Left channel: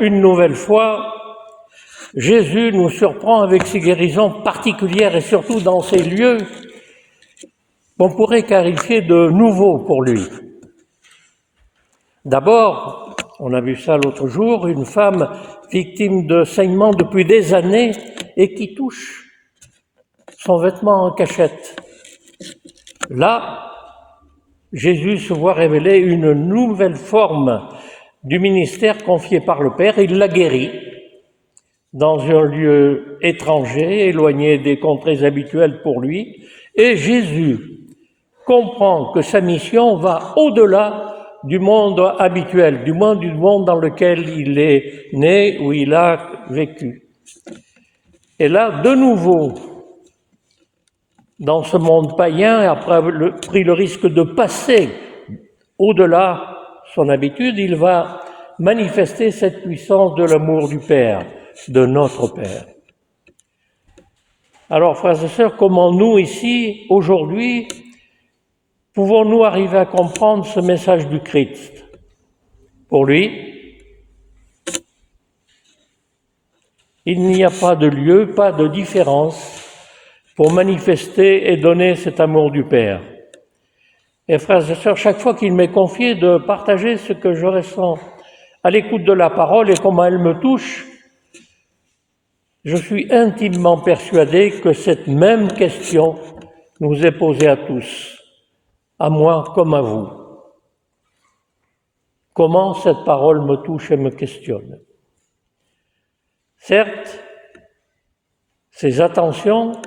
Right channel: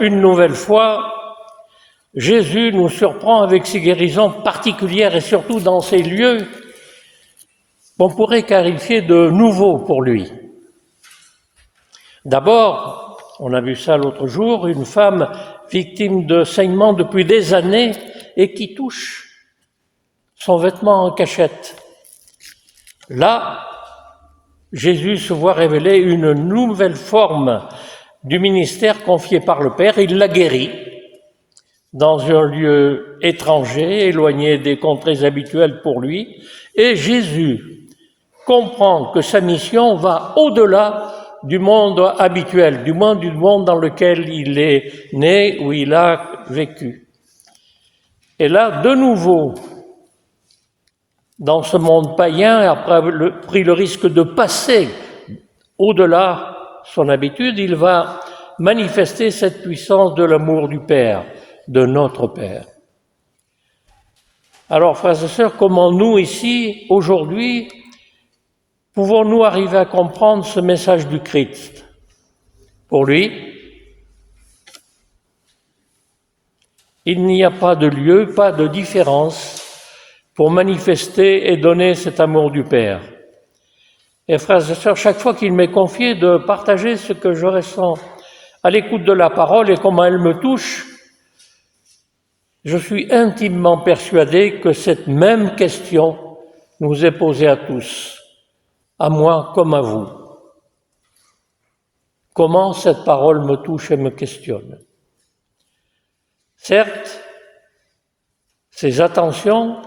Une nouvelle fois, Jésus nous surprend avec ses guérisons particulières et surtout dans ces lieux qu'on pourrait qualifier de nouveaux pour lui. D'abord, on a vu ça l'autre jour, une femme victime de saignements depuis des années et qui touche son vêtement en cachette. Là, Jésus se voit révéler une nouvelle forme du ministère confié par le Père. Il la guérit dans un lieu étranger, éloigné des contrées habituelles pour lui. Et Jésus comprend que sa mission va au-delà du monde habituel, du monde dans lequel il est né, où il a vécu. Et là, de nouveau, dans ce monde païen, après avoir pris le risque de passer au-delà son habitude, il va manifester cette puissance de l'amour du Père, de notre Père. Alors, frères et sœurs, comment nous, ici, aujourd'hui, pouvons-nous arriver à comprendre ce message du Christ? Pour lui, il n'y a pas de lieu, pas de différence pour manifester et donner cet amour du Père. Et frères et sœurs, chaque fois qu'il m'est confié de partager ce que je ressens à l'écoute de la parole et comment elle me touche, je suis intimement persuadé que cette même question nous est posée à tous, à moi comme à vous. Comment cette parole me touche et me questionne? Certes, ces attentions,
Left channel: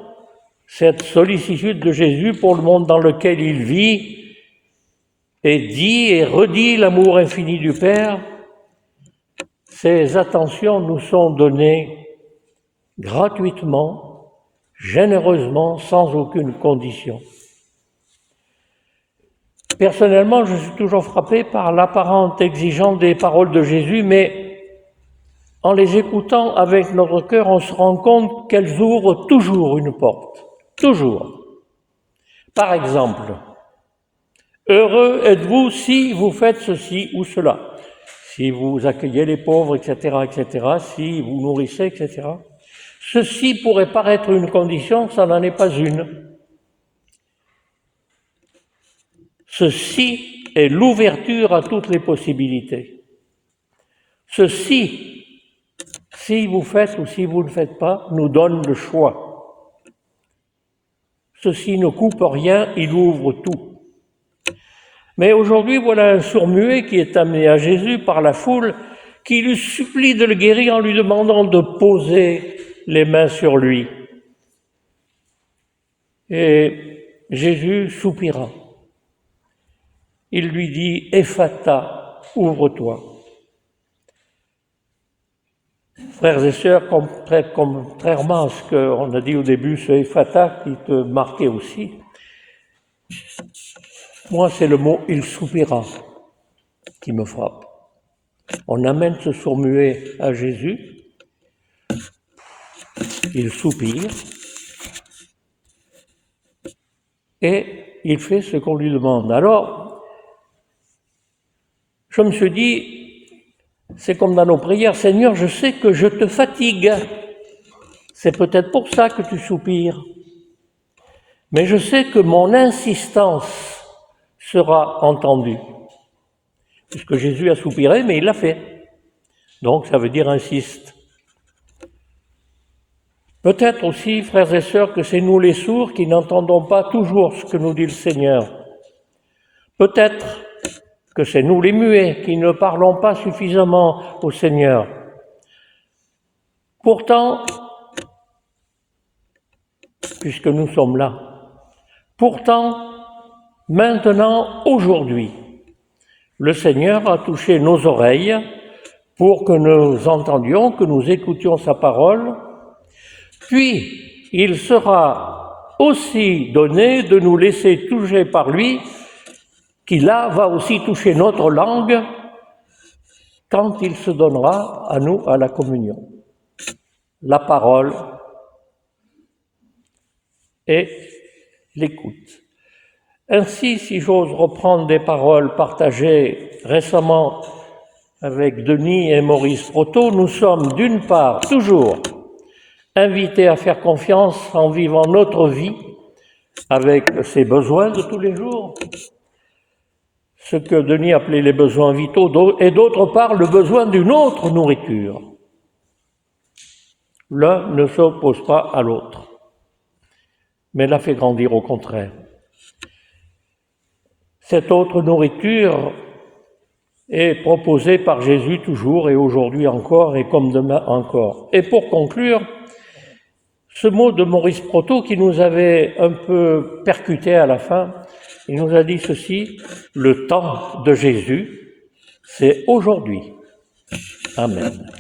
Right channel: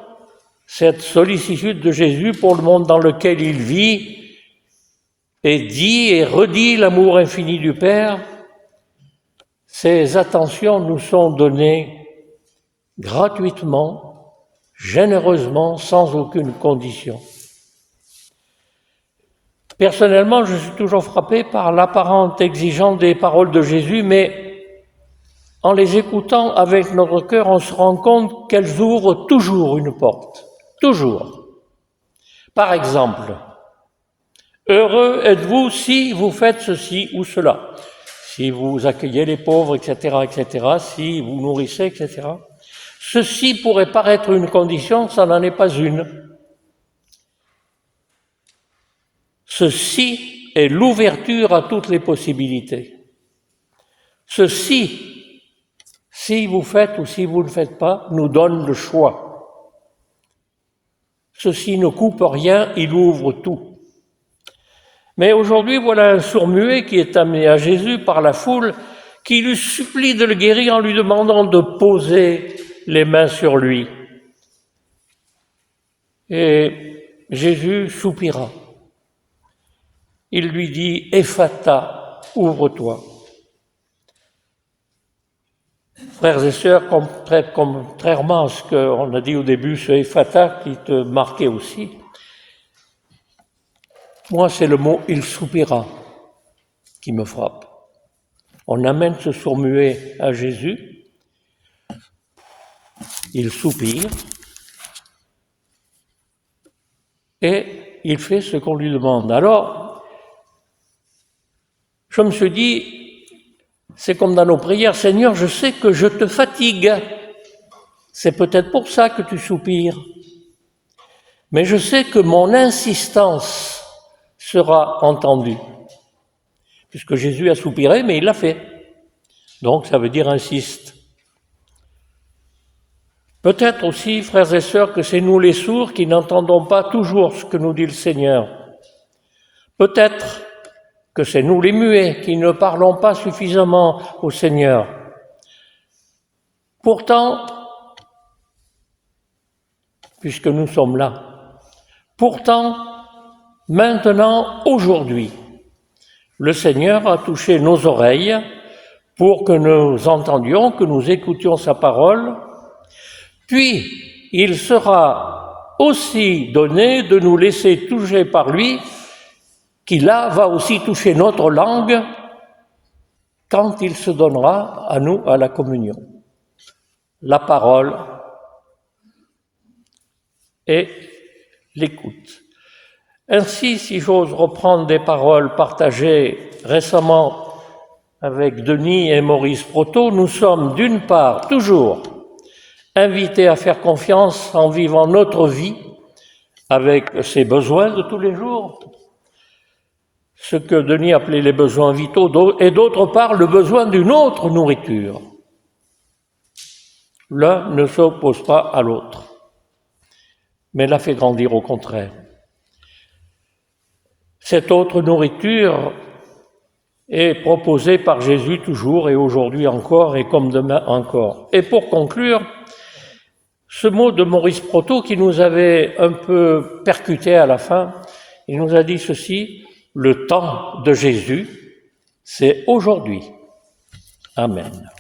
cette sollicitude de Jésus pour le monde dans lequel il vit et dit et redit l'amour infini du Père, ces attentions nous sont données gratuitement, généreusement, sans aucune condition. Personnellement, je suis toujours frappé par l'apparente exigence des paroles de Jésus, mais en les écoutant avec notre cœur, on se rend compte qu'elles ouvrent toujours une porte. Toujours. Par exemple, heureux êtes-vous si vous faites ceci ou cela, si vous accueillez les pauvres, etc., etc., si vous nourrissez, etc. Ceci pourrait paraître une condition, ça n'en est pas une. Ceci est l'ouverture à toutes les possibilités. Ceci, si vous faites ou si vous ne le faites pas, nous donne le choix. Ceci ne coupe rien, il ouvre tout. Mais aujourd'hui, voilà un sourd-muet qui est amené à Jésus par la foule, qui lui supplie de le guérir en lui demandant de poser les mains sur lui. Et Jésus soupira. Il lui dit « Ephata, ouvre-toi ». Frères et sœurs, contrairement à ce qu'on a dit au début, ce Ephata qui te marquait aussi, moi c'est le mot « il soupira » qui me frappe. On amène ce sourd-muet à Jésus, il soupire, et il fait ce qu'on lui demande. Alors, je me suis dit, c'est comme dans nos prières, Seigneur, je sais que je te fatigue. C'est peut-être pour ça que tu soupires. Mais je sais que mon insistance sera entendue. Puisque Jésus a soupiré, mais il l'a fait. Donc ça veut dire insiste. Peut-être aussi, frères et sœurs, que c'est nous les sourds qui n'entendons pas toujours ce que nous dit le Seigneur. Peut-être que c'est nous les muets qui ne parlons pas suffisamment au Seigneur. Pourtant, puisque nous sommes là, pourtant, maintenant, aujourd'hui, le Seigneur a touché nos oreilles pour que nous entendions, que nous écoutions sa parole, puis il sera aussi donné de nous laisser toucher par lui, qui là va aussi toucher notre langue quand il se donnera à nous à la communion. La parole et l'écoute. Ainsi, si j'ose reprendre des paroles partagées récemment avec Denis et Maurice Proto, nous sommes d'une part toujours invités à faire confiance en vivant notre vie avec ses besoins de tous les jours, ce que Denis appelait les besoins vitaux, et d'autre part le besoin d'une autre nourriture. L'un ne s'oppose pas à l'autre, mais la fait grandir au contraire. Cette autre nourriture est proposée par Jésus toujours et aujourd'hui encore et comme demain encore. Et pour conclure, ce mot de Maurice Proto qui nous avait un peu percuté à la fin, il nous a dit ceci: le temps de Jésus, c'est aujourd'hui. Amen.